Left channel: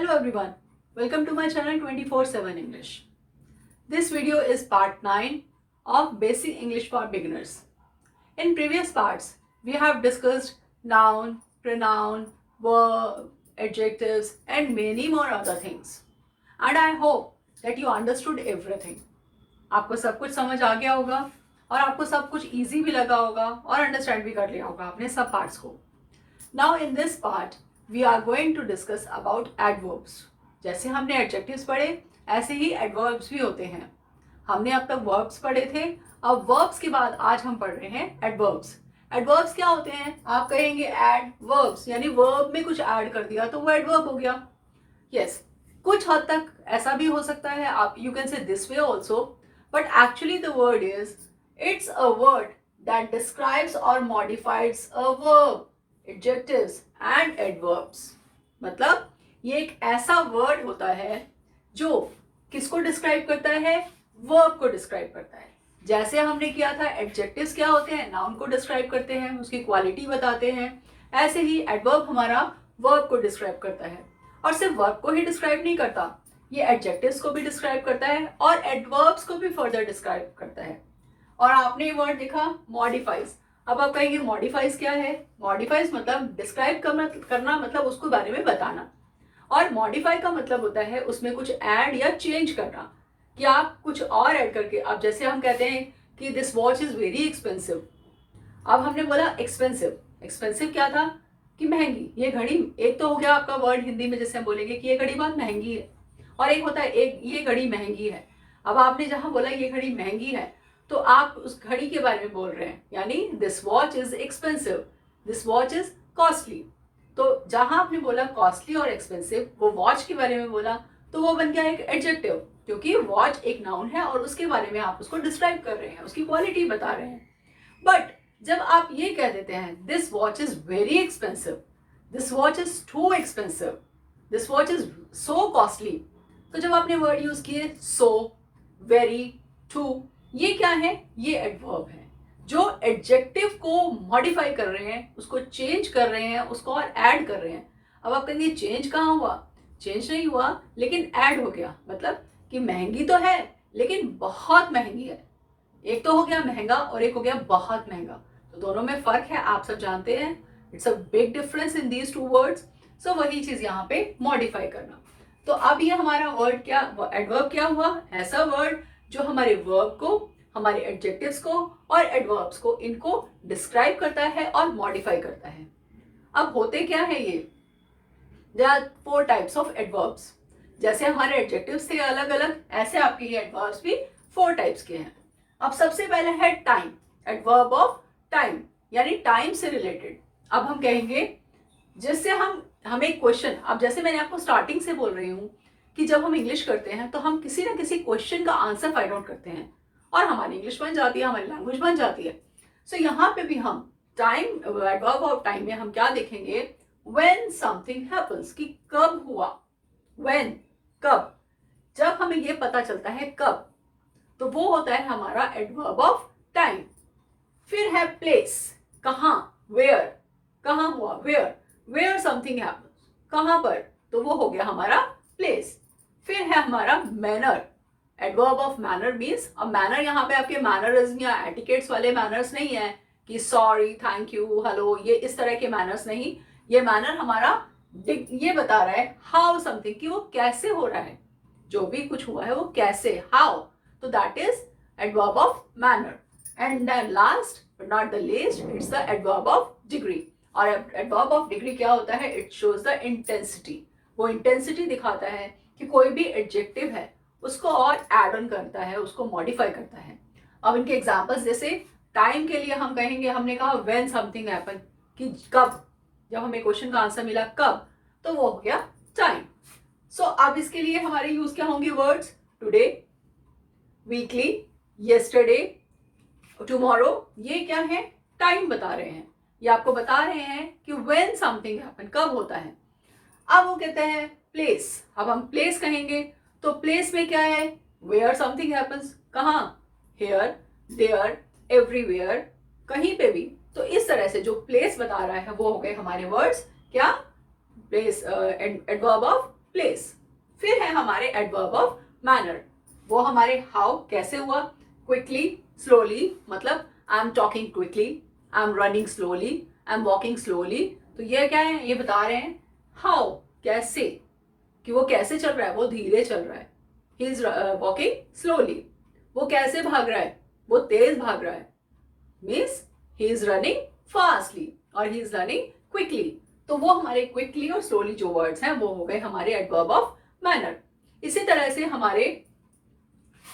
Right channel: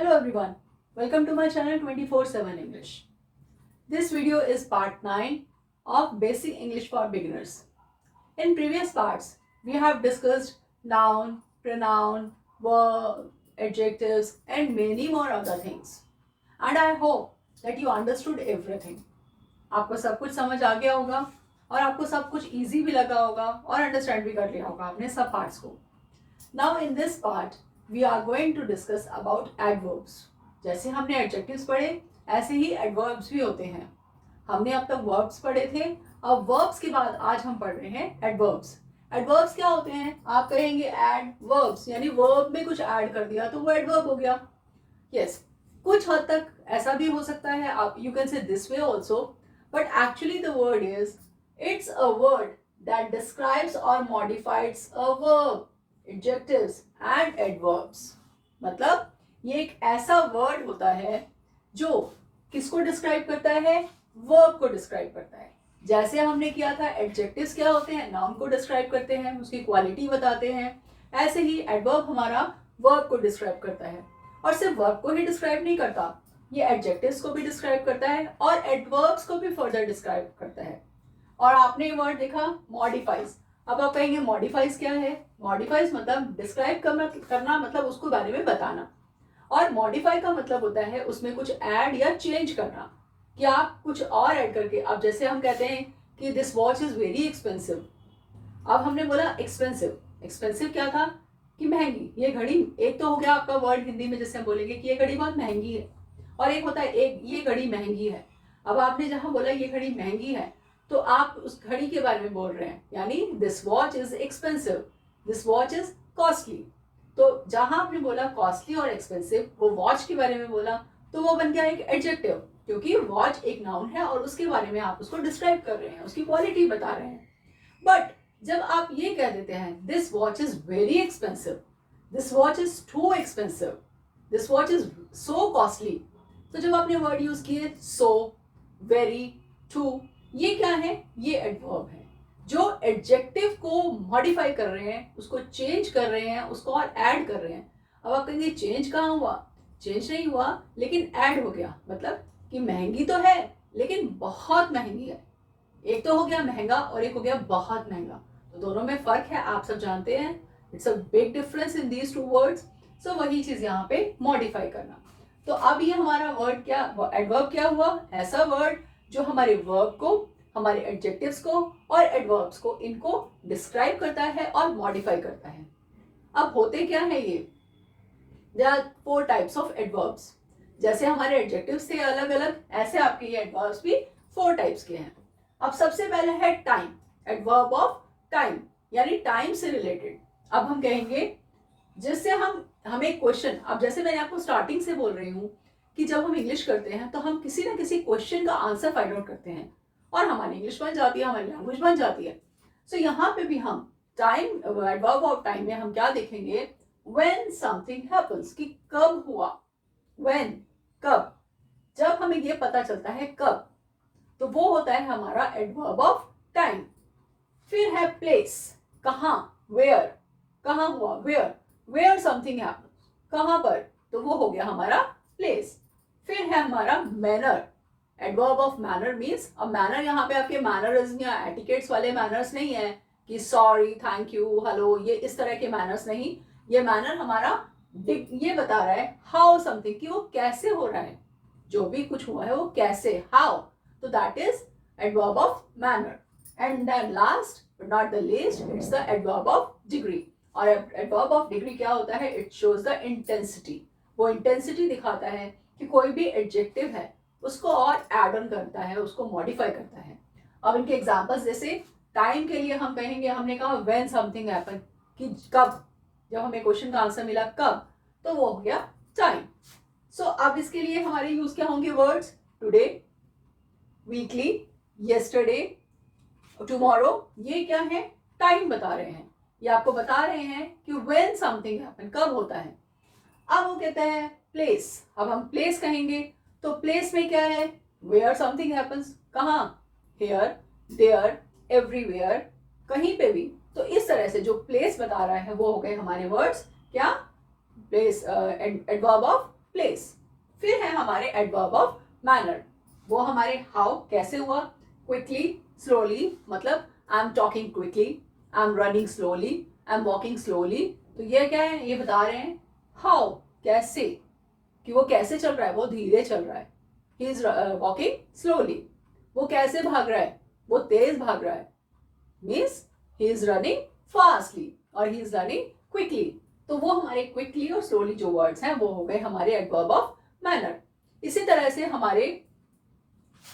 Hello everyone, welcome to my channel 24/7 English. This video is part 9 of Basic English for Beginners. In previous parts, we have discussed noun, pronoun, verb, adjectives and many more other things. And I hope that you understood everything. आपको सब कुछ समझ आ गया होगा और आपको सब कुछ easy भी लगा होगा और understand भी कर लिया होगा आपने सब parts को. Now in this part, we are going to discuss about adverbs. जैसे हमने adjectives पढ़े ऐसे ही adverbs भी होते हैं. हमने अब तक verbs पढ़े थे, अब verbs के बाद आज हम पढ़ रहे हैं adverbs. Adverbs क्या होते हैं? आप कहेंगे add verbs, यानी verb में कुछ add कर दिया तो वो adverb हो गया. Yes, कुछ हद तक ऐसा भी हो सकता है. आप you can say this way also, but actually the word is it's a word that describes or modifies a verb. Adjectives and adverbs. मतलब ये एक ऐसा वर्ड होता है जो किसको डिस्क्राइब करता है? वर्ब को डिस्क्राइब करता है. जैसे हमने किया था एडजेक्टिव्स क्या होते हैं? नाउन को डिस्क्राइब करते हैं, उसकी क्वालिटी बताते हैं. ऐसे ही एडवर्ब हमारा वर्ब को डिस्क्राइब करता है और सिर्फ वर्ब को ही डिस्क्राइब नहीं करता, ये एडजेक्टिव्स को भी डिस्क्राइब करता है और एडवर्ब्स को भी फर्दर डिस्क्राइब करता है. और आपने ये वर्ड देखा मॉडिफाइज. अब आप कहेंगे मॉडिफाइज क्या है? मॉडिफाइज मतलब डिस्क्राइब करना मतलब उसके बारे में बताना. और मॉडिफाई का मतलब होता है उसमें कुछ ऐड या चेंज करना, कि आप कुछ और ऐड करके. अब जैसे हम कहते हैं कि this watch is very expensive. अब हमने बोला एक्सपेंसिव. एक्सपेंसिव क्या था? कि महंगी. ये घड़ी एक तो हो गया आपका वर्ड हिंदी में जैसे हम बोलेंगे कि ये घड़ी बहुत महंगी है, और एक होता है एक ये घड़ी महंगी है. अब आपने जहां बोला ये घड़ी महंगी है तो आप उस घड़ी के बारे में बोल रहे हैं, यानी this watch is expensive, this watch is costly. तो जहां आपने बोला कॉस्टली और एक्सपेंसिव, वो वॉच के बारे में बोला, तो वो बन गया एक एडजेक्टिव, क्योंकि वॉच एक नाउन है और उसके बारे में आप उसको डिस्क्राइब कर रहे हैं, उसकी क्वालिटी बता रहे हैं. बट जब आप ये कह देते हैं this watch is very expensive, this watch is too expensive, this watch is so costly, तो जब आपने वर्ड यूज किए सो, वेरी, टू, ये क्या है? ये एडवर्ब है जो एडजेक्टिव को मॉडिफाई कर रहे हैं, उसको चेंज कर रहे हैं, उसको और ऐड कर रहे हैं. अब आप कहेंगे चेंज कहाँ हुआ? चेंज नहीं हुआ, लेकिन ऐड हो गया. मतलब कि महंगी तो है लेकिन बहुत महंगी है. एक तो हो गया महंगा और एक हो गया बहुत महंगा. तो दोनों में फर्क है, आप सब जानते हैं. It's a big difference in these two words. So वही चीज यहाँ पे मॉडिफाई करना. तो अब ये हमारा वर्ड क्या, एडवर्ब क्या हुआ? ऐसा वर्ड जो हमारे वर्ब को, हमारे एडजेक्टिव्स को और एडवर्ब्स को, इनको डिस्क्राइब करता है और मॉडिफाई करता है. अब होते क्या है ये? There are 4 types of adverbs. जैसे हमारे एडजेक्टिव्स थे अलग अलग, ऐसे आपके ये एडवर्ब्स भी 4 टाइप्स के हैं. अब सबसे पहले है टाइम. एडवर्ब ऑफ टाइम, यानी टाइम से रिलेटेड. अब हम कहेंगे जिससे हमें क्वेश्चन, अब जैसे मैंने आपको स्टार्टिंग से बोल रही हूँ कि जब हम इंग्लिश करते हैं तो हम किसी ना किसी क्वेश्चन का आंसर फाइंड आउट करते हैं और हमारी इंग्लिश बन जाती है, हमारी लैंग्वेज बन जाती है. सो यहाँ पे भी हम टाइम, एडवर्ब ऑफ टाइम में हम क्या देखेंगे? व्हेन समथिंग हैपेंस, कि कब हुआ. व्हेन, कब. जब हमें ये पता चलता है कब, तो वो होता है हमारा एडवर्ब ऑफ टाइम. फिर है प्लेस, कहाँ, वेयर, कहाँ हुआ, वेयर, वेयर समथिंग हैपेंस, कहाँ पर, तो वो हो गया हमारा प्लेस. फिर है हमारा manner. Adverb of manner means, अब मैनर यहाँ पे आपके मैनरिज्म या एटिकेट्स वाले मैनर्स नहीं है कि सॉरी, थैंक यू, हेलो, ये इस तरह के मैनर्स नहीं. ये मैनर हमारा ये बता रहा है हाउ समथिंग, कि वो कैसे हो रहा है, जो भी कुछ हुआ है वो कैसे, हाउ. तो that is adverb of manner. And then last but not the least, it's the adverb of degree. और एडवर्ब ऑफ डिग्री क्या होता है? It shows the intensity. वो इंटेंसिटी दिखाता है कि कोई भी एडजेक्टिव है उसको और एड ऑन करता है, उसको मॉडिफाई करता है. अब इनके एग्जांपल्स, जैसे टाइम के लिए हम कहेंगे, हमने कहा व्हेन समथिंग हैपन, कि कब, जब हमें क्वेश्चन का आंसर मिला कब, तो वो हो गया टाइम. सो अब इसके लिए हमारे यूज क्या होंगे words? Today, weekly, yesterday, tomorrow. ये क्या है? टाइम बता रहे हैं. ये आपको बता रहे हैं कि व्हेन समथिंग हैपन, कब होता है. अब वो कहते हैं प्लेस. अब हम प्लेस कहेंगे तो प्लेस में क्या है? वेयर समथिंग हैपन्स, कहाँ, हेयर, देयर, एवरीवेयर, कहीं पे भी. तो इस तरह से जो प्लेस बता रहा है वो हो गए हमारे वर्ड्स क्या? Place, adverb of place. फिर है हमारे एडवर्ब ऑफ मैनर, वो हमारे हाउ कैसे हुआ, क्विकली स्लोली, मतलब I am talking quickly, I am running slowly, I am walking slowly. तो ये क्या है, ये बता रहे हैं हाउ कैसे, कि वो कैसे चल रहा है, वो धीरे चल रहा है, ही इज वॉकिंग स्लोली। वो कैसे भाग रहा है, वो तेज भाग रहा है, means he is running fastly और ही इज रनिंग क्विकली। तो वो हमारे क्विकली और स्लोली जो वर्ड्स हैं वो हो गए हमारे एडवर्ब ऑफ मैनर। इसी तरह से हमारे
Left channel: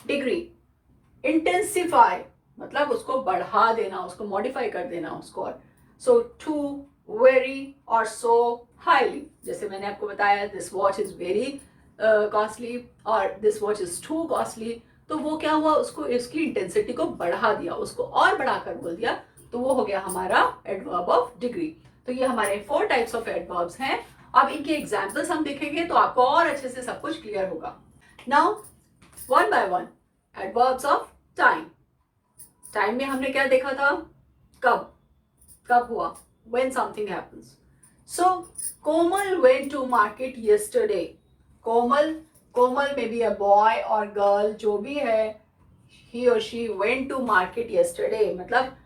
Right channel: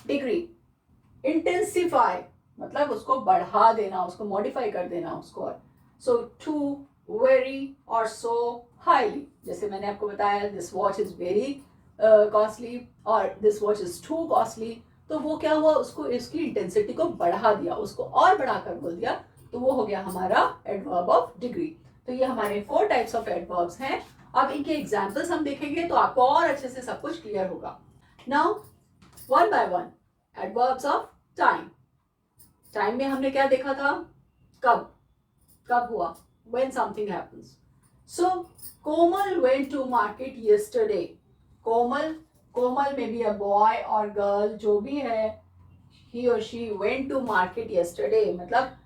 डिग्री, इंटेंसिफाई मतलब उसको बढ़ा देना, उसको मॉडिफाई कर देना उसको। सो टू, वेरी और सो हाईली, जैसे मैंने आपको बताया this watch is very costly और this watch is too costly. तो वो क्या हुआ, उसको इसकी इंटेंसिटी को बढ़ा दिया, उसको और बढ़ाकर बोल दिया, तो वो हो गया हमारा एडवर्ब ऑफ डिग्री। तो ये हमारे 4 टाइप्स ऑफ एडवर्ब्स हैं। अब इनके एग्जाम्पल्स हम देखेंगे तो आपको और अच्छे से सब कुछ क्लियर होगा। Now one by one, adverbs of time. Time में हमने क्या देखा था, कब, कब हुआ, when something happens. So Komal went to market yesterday. Komal, Komal may be a boy or girl, जो भी है, he or she went to market yesterday। मतलब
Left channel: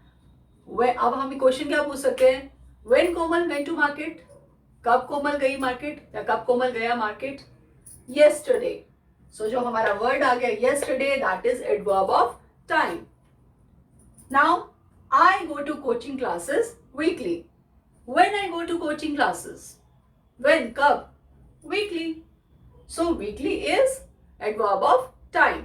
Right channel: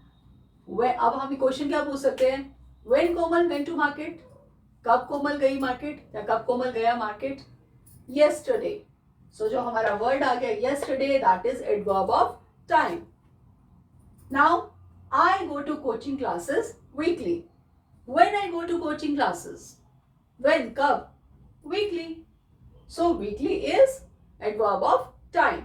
अब हम क्वेश्चन क्या पूछ सकते हैं, when Komal went to market, कब कोमल गई मार्केट या कब कोमल गया मार्केट, yesterday। सो जो हमारा वर्ड आ गया yesterday, that is adverb of time। Now I go to coaching classes weekly। When I go to coaching classes, when, कब, weekly। So weekly is adverb of time।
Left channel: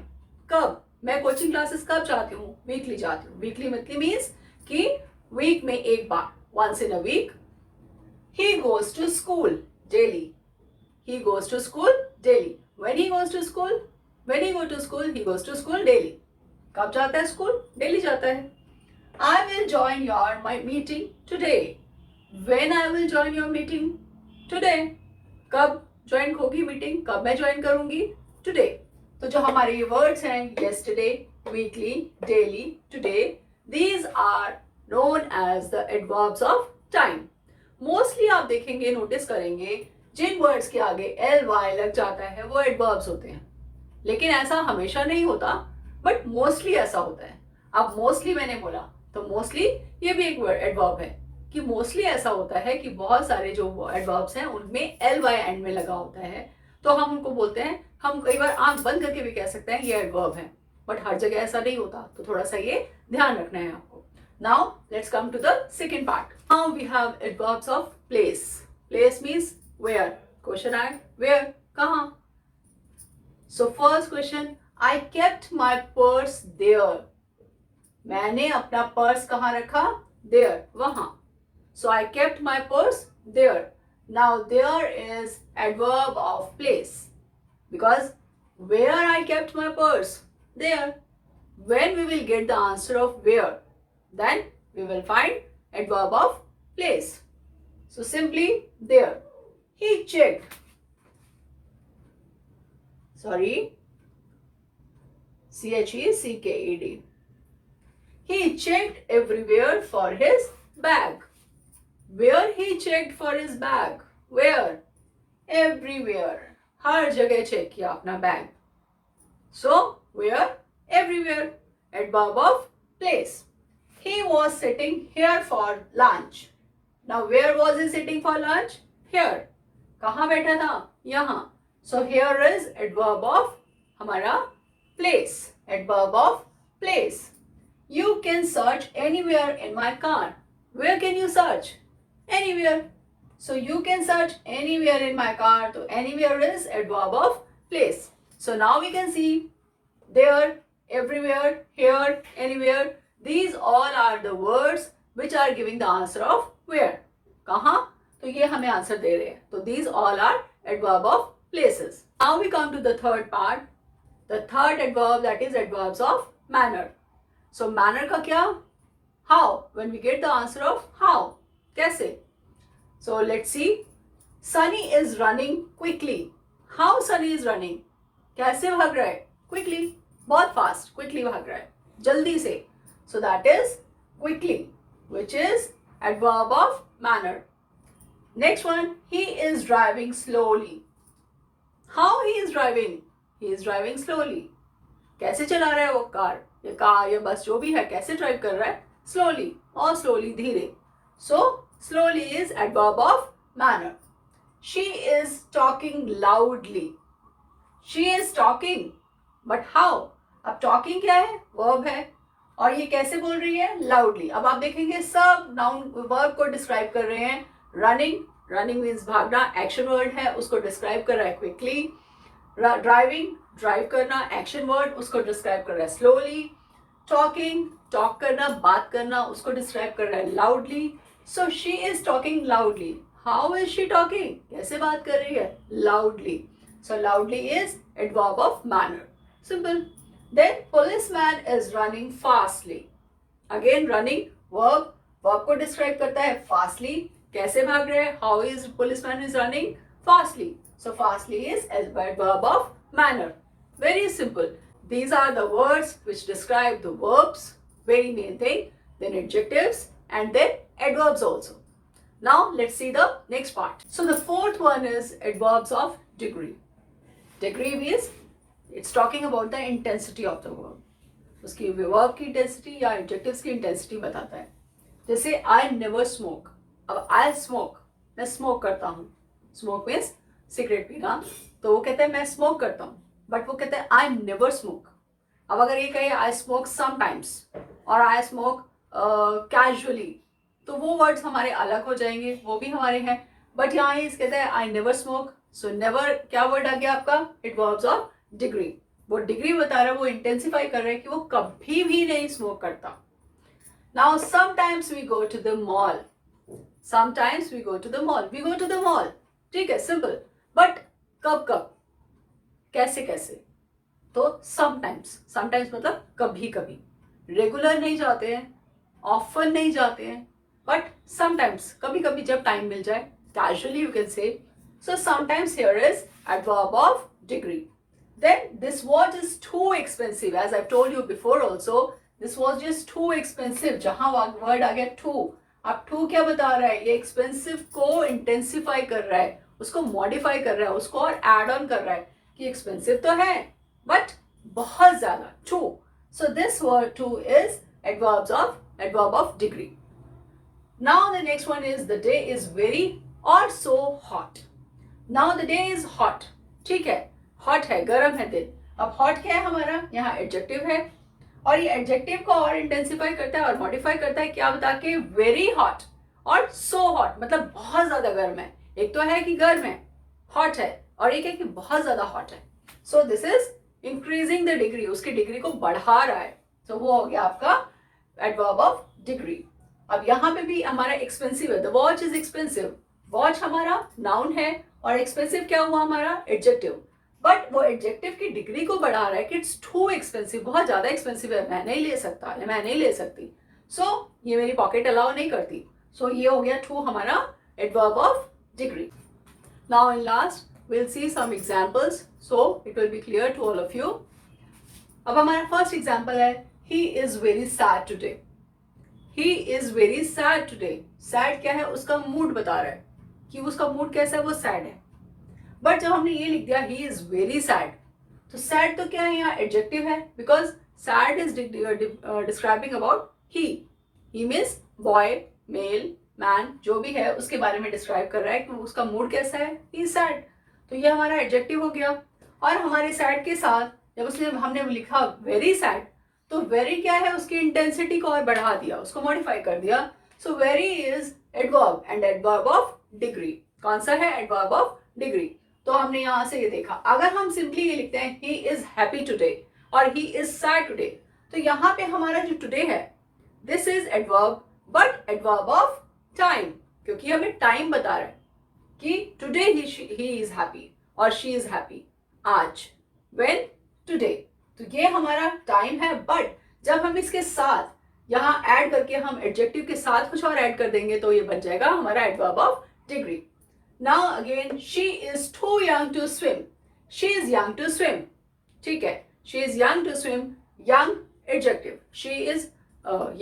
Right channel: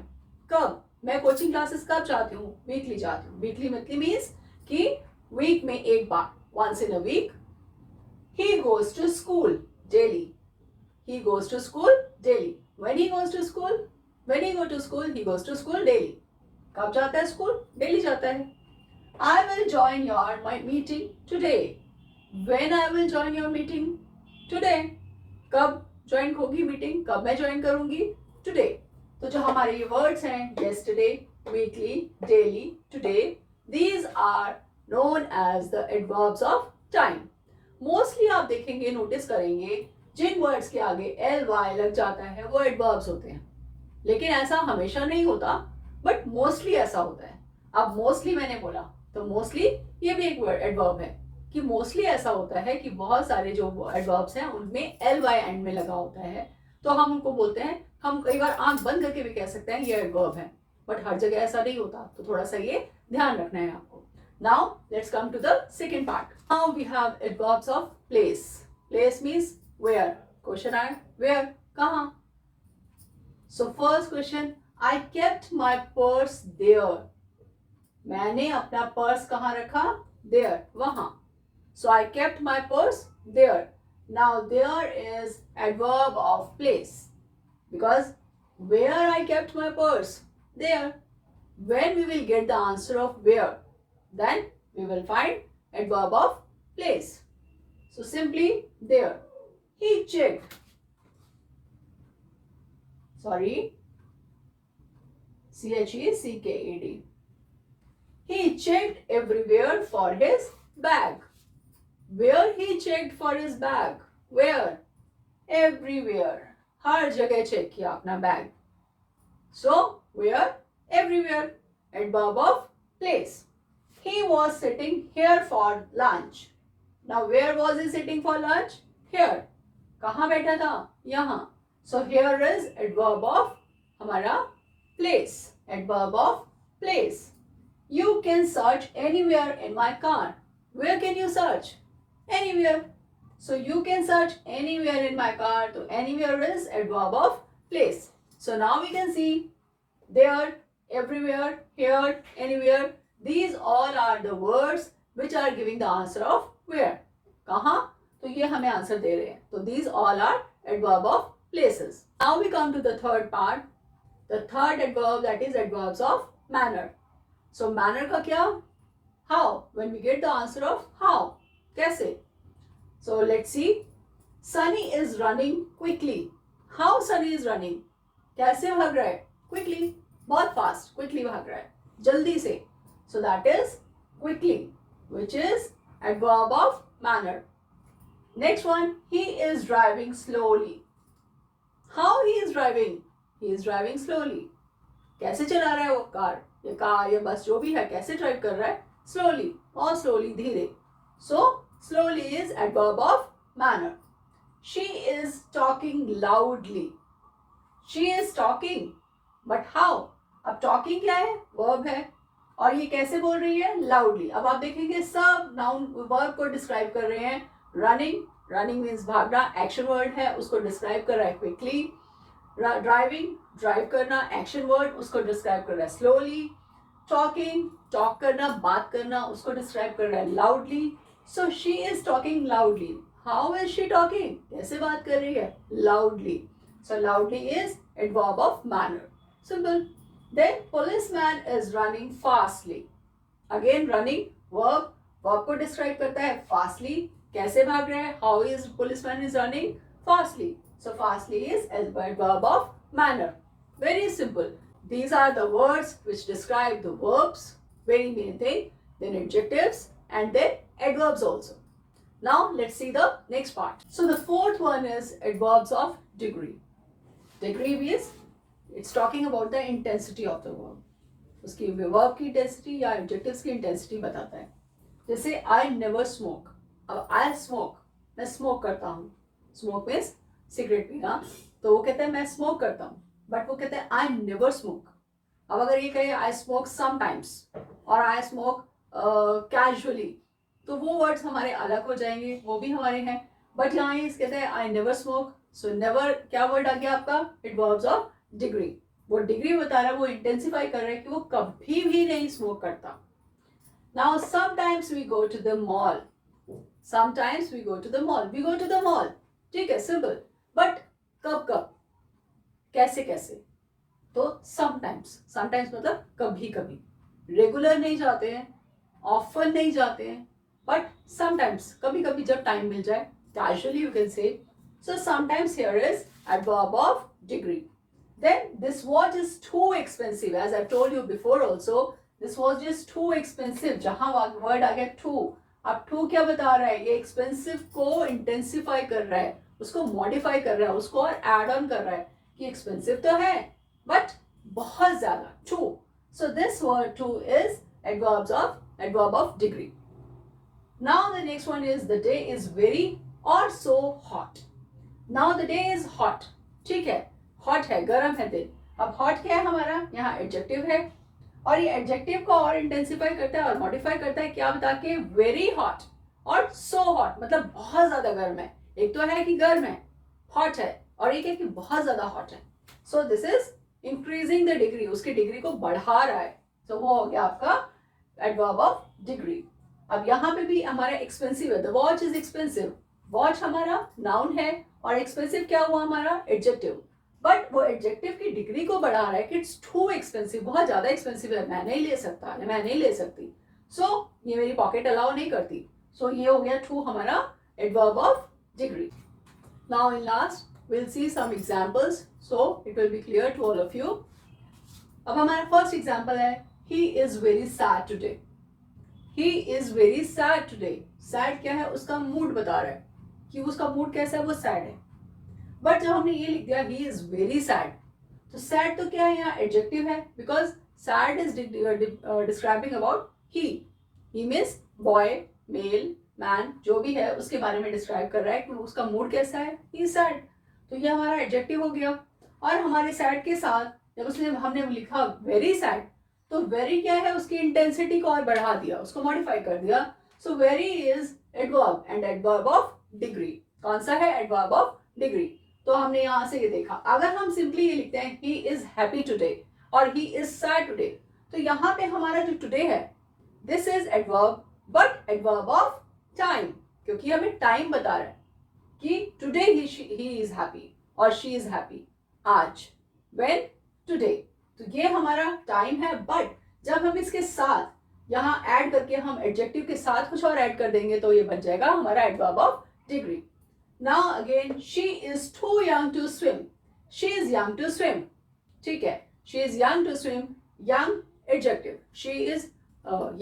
कब, मैं coaching classes कब जाती हूँ, weekly जाती हूँ। Weekly मतलब means कि वीक में एक बार, once in a week। He goes to school daily। He goes to school daily। When he goes to school, when he go to school, he goes to school daily। कब जाता है school, daily जाता है। I will join your my meeting today। When I will join your meeting today। कब join होगी meeting, कब मैं join करूंगी, टुडे। तो जो हमारे ये वर्ड्स हैं yesterday, weekly, daily, today, these are known as the adverbs of time। Mostly आप देखेंगे, नोटिस करेंगे, जिन वर्ड्स के आगे एल वाई लग जाता है वो एडवर्ब्स होते हैं। लेकिन ऐसा हमेशा नहीं होता, बट मोस्टली ऐसा होता है। अब मोस्टली मैंने बोला तो मोस्टली ये भी एक एडवर्ब है, कि मोस्टली ऐसा होता है कि बहुत सारे जो एडवर्ब्स हैं उनमें एल वाई एंड में लगा होता है, तो हम उनको बोलते हैं, हम कई बार आंख बंद करके भी कह सकते हैं ये एडवर्ब है, बट हर जगह ऐसा नहीं होता, तो थोड़ा सा ये ध्यान रखना है आपको। Now let's come to the second part। Now we have adverbs of place। Place means where। Question है where, कहाँ। So first question, I kept my purse there। मैंने अपना पर्स कहाँ रखा, there, वहाँ। So I kept my purse there। Now there is adverb of place, because where I kept my purse, there। When we will get the answer of where, then we will find adverb of place। So simply there। He checked, sorry, CHECKED। He checked everywhere for his bag। Where he checked for his bag, where, everywhere, हर जगह check किया अपना bag. So where, everywhere, adverb of place। He was sitting here for lunch। Now where was he sitting for lunch, here। कहाँ बैठा था, यहाँ। So here is adverb of हमारा place, adverb of place। You can search anywhere in my car। Where can you search, anywhere। So you can search anywhere in my car, so anywhere is adverb of place। So now we can see there, everywhere, here, anywhere, these all are the words which are giving the answer of where, कहाँ, तो ये हमें answer दे रहे हैं, तो these all are adverb of places। Now we come to the third part, the third adverb, that is adverbs of manner। So manner का क्या, how, when we get the answer of how, कैसे। So let's see, Sunny is running quickly। How Sunny is running, कैसे भाग रहा है, quickly, बहुत fast, quickly भाग रहा है, जल्दी से। So that is quickly, which is adverb of manner। Next one, he is driving slowly। How he is driving, he is driving slowly, कैसे चला रहा है वो कार या बस जो भी है, कैसे ड्राइव कर रहा है, स्लोली और स्लोली धीरे. So slowly is adverb of manner. She is talking loudly, she is talking, but how, अब टॉकिंग क्या है, वर्ब है, और ये कैसे बोल रही है, लाउडली. अब आप देखेंगे सब नाउन वर्ब को डिस्क्राइब कर रहे हैं. रनिंग, रनिंग मीन्स भागना, एक्शन वर्ड है, उसको डिस्क्राइब कर रहा है क्विकली. ड्राइविंग, ड्राइव करना, एक्शन वर्ड, उसको डिस्क्राइब कर रहा है स्लोली. टॉकिंग, टॉक करना, बात करना, उसको डिस्क्राइब कर रहा है loudly. So she is talking loudly. How is she talking, कैसे बात कर रही है, loudly. So loudly is adverb of manner. Simple. Then policeman is running fastly. Again running verb, verb को describe करता है fastly, कैसे भाग रहे हैं, how is policeman is running fastly. So fastly is adverb of manner. Very simple. These are the words which describe the verbs, very main thing, then adjectives and then adverbs also. Now let's see the next part. So the fourth one is adverbs of degree. Degree means it's talking about the intensity of the verb. उसकी verb की intensity या adjectives की intensity बताता है. जैसे I never smoke. अब I smoke, मैं smoke करता हूँ. स्मोक मीन्स सिगरेट पीना. तो वो कहते हैं मैं स्मोक करता हूँ, बट वो कहते हैं आई नेवर स्मोक. अब अगर ये कहे आई स्मोक समटाइम्स और आई स्मोक कैजुअली, तो वो वर्ड्स हमारे अलग हो जाएंगे, वो भी हमारे हैं. बट यहाँ ये कहते हैं I never smoke. So never क्या वर्ड आ गया आपका, एडवर्ब्स ऑफ डिग्री. वो डिग्री बता रहा है, वो इंटेंसिफाई कर रहा है कि वो कभी भी नहीं स्मोक करता. Now sometimes we go to the mall. Sometimes we go to the mall, we go to the mall. ठीक है, सिंपल. बट कब कब, कैसे कैसे, तो समटाइम्स. समटाइम्स मतलब कभी कभी. रेगुलर नहीं जाते हैं, ऑफन नहीं जाते हैं, बट समटाइम्स, कभी कभी जब टाइम मिल जाए. Casually you can say. So sometimes here is adverb of degree. Then this watch is too expensive, as I've told you before also. This was just too expensive. जहाँ word आ गया too. अब too क्या बता रहा है, ये expensive को intensify कर रहा है, उसको modify कर रहा है, उसको और add on कर रहा है कि expensive तो है but बहुत ज़्यादा. Too. So this word too is adverb of degree. Now the next one is the day is very or so hot. Now the day is hot. ठीक है, हॉट है, गर्म है दिन. अब हॉट क्या है हमारा, यहाँ एडजेक्टिव है, और ये एडजेक्टिव को और इंटेंसिफाई करता है और मॉडिफाई करता है क्या बता के, वेरी हॉट और सो हॉट, मतलब बहुत ज्यादा गर्म है. एक तो है कि गर्म है, हॉट है, और एक है कि बहुत ज्यादा हॉट है. So this is increasing the degree, उसकी डिग्री को बढ़ा रहा है. सो वो हो गया आपका एडवर्ब ऑफ डिग्री. अब यहाँ पे भी हमारा एक्सपेंसिव है, the watch is expensive. Watch हमारा नाउन है और एक्सपेंसिव क्या हुआ हमारा, एडजेक्टिव. बट वो एडजेक्टिव की डिग्री को बढ़ा रहा है कि इट्स टू एक्सपेंसिव, बहुत ज्यादा एक्सपेंसिव है, मैं नहीं ले सकता, मैं नहीं ले सकती. सो ये मेरी पॉकेट अलाउ नहीं करती. सो ये हो गया टू हमारा adverb of degree. Now in last will see some examples so it will be clear to all of you. अब हमारा फर्स्ट एग्जांपल है, he is very sad today. He is very sad today. Sad क्या है, उसका mood बता रहा है कि उसका मूड कैसा है, वो सैड है. बट जब हमने ये लिख दिया ही इज वेरी सैड, तो सैड तो क्या है, यहाँ एडजेक्टिव है, because sad is describing about he. He means boy, male, man, जो भी है उसके बारे में डिस्क्राइब कर रहा है कि उसका मूड कैसा है, ही इज सैड. तो ये हमारा एडजेक्टिव हो गया. और हमारे सैड के साथ जब हमने लिखा वेरी सैड, तो वेरी क्या है, उसकी इंटेंसिटी को और बढ़ा दिया, उसको मॉडिफाई कर दिया. So very is adverb and adverb of degree. कौन सा है, एडवर्ब ऑफ डिग्री. तो हमने यहां से ये देखा. अगर हम सिंपली ये लिखते हैं ही इज हैप्पी टुडे और ही इज सैड टुडे, तो यहाँ पे हमारा जो टुडे है this is adverb, but adverb of time, क्योंकि हमें टाइम बता रहा है कि टुडे ही इज हैप्पी और शी इज हैप्पी. आज, व्हेन, टुडे. तो ये हमारा टाइम है. बट जब हम इसके साथ यहाँ ऐड करके हम एडजेक्टिव के साथ कुछ और ऐड कर देंगे तो ये बन जाएगा हमारा adverb of degree. Now again, she is too young to swim. She is young to swim. ठीक है, she is young to swim. Young adjective. She is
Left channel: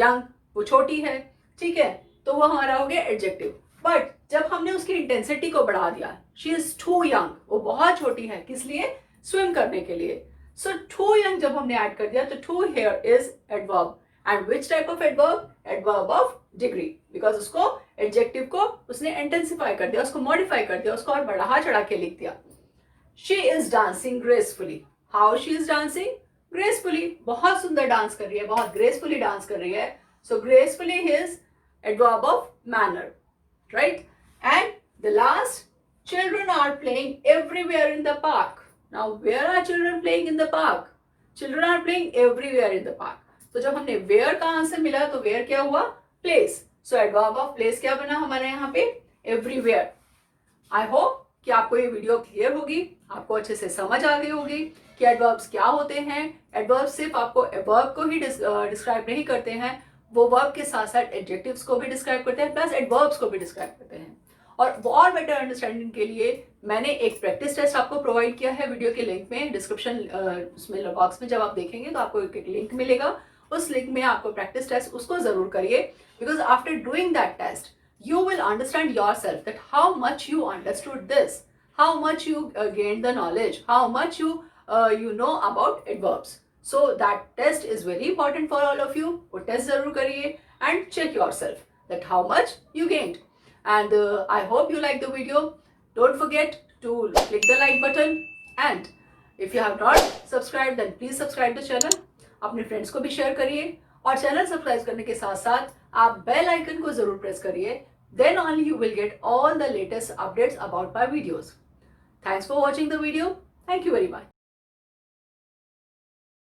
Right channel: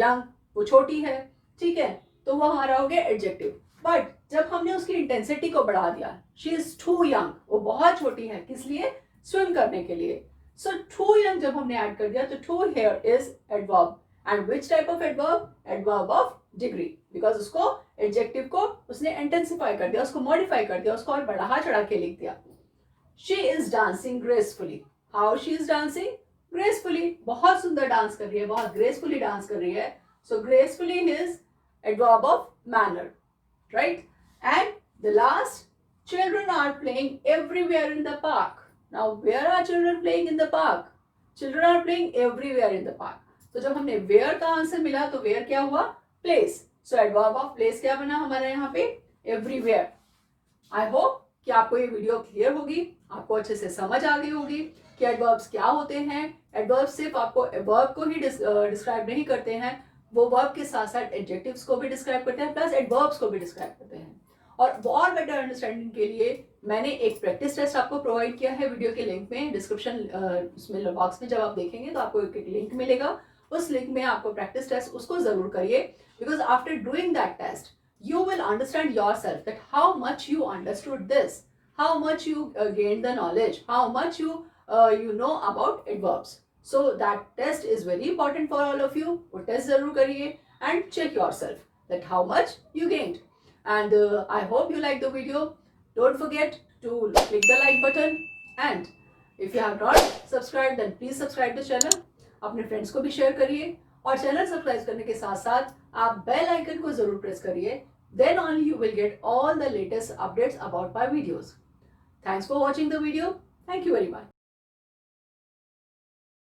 young, वो छोटी है. ठीक है, तो वो हमारा हो गया एडजेक्टिव. बट जब हमने उसकी इंटेंसिटी को बढ़ा दिया, शी इज टू यंग, वो बहुत छोटी है, किस लिए? स्विम करने के लिए। सो टू यंग जब हमने ऐड कर दिया तो टू here is adverb, and which type of adverb? Adverb of degree, because उसको एडजेक्टिव को उसने इंटेंसिफाई कर दिया, उसको मॉडिफाई कर दिया, उसको और बढ़ा चढ़ा के लिख दिया। She is dancing gracefully. How she is dancing? Gracefully, बहुत सुंदर डांस कर रही है, बहुत ग्रेसफुली डांस कर रही है। So gracefully is adverb of manner, right? And the last, children are playing everywhere in the park. Now, where are children playing in the park? Children are playing everywhere in the park. तो जब हमने where का answer मिला तो where क्या हुआ? Place. So adverb of place क्या बना हमारे यहाँ पे? Everywhere. I hope कि आपको ये वीडियो क्लियर होगी, आपको अच्छे से समझ आ गई होगी कि एडवर्ब्स क्या होते हैं। एडवर्ब्स सिर्फ आपको एडवर्ब को ही डिस्क्राइब नहीं करते हैं, वो वर्ब के साथ साथ एडजेक्टिव्स को भी डिस्क्राइब करते हैं, प्लस एडवर्ब्स को भी डिस्क्राइब करते हैं। और बेटर अंडरस्टैंडिंग के लिए मैंने एक प्रैक्टिस टेस्ट आपको प्रोवाइड किया है वीडियो के लिंक में, डिस्क्रिप्शन उसमें बॉक्स में जब आप देखेंगे तो आपको एक लिंक मिलेगा, उस लिंक में आपको प्रैक्टिस टेस्ट उसको जरूर करिए, because after doing that test you will understand yourself that how much you understood this, how much you gained the knowledge, how much you know about adverbs. So that test is very important for all of you. वो test जरूर करिए and check yourself that how much you gained. And I hope you like the video. Don't forget to click the like button, and if you have not subscribed then please subscribe the channel. अपने friends को भी share करिए, और channel subscribe करने के साथ साथ आप बेल आइकन को जरूर प्रेस करिए, then only you will get all the latest updates about my videos. Thanks for watching the video. Thank you very much.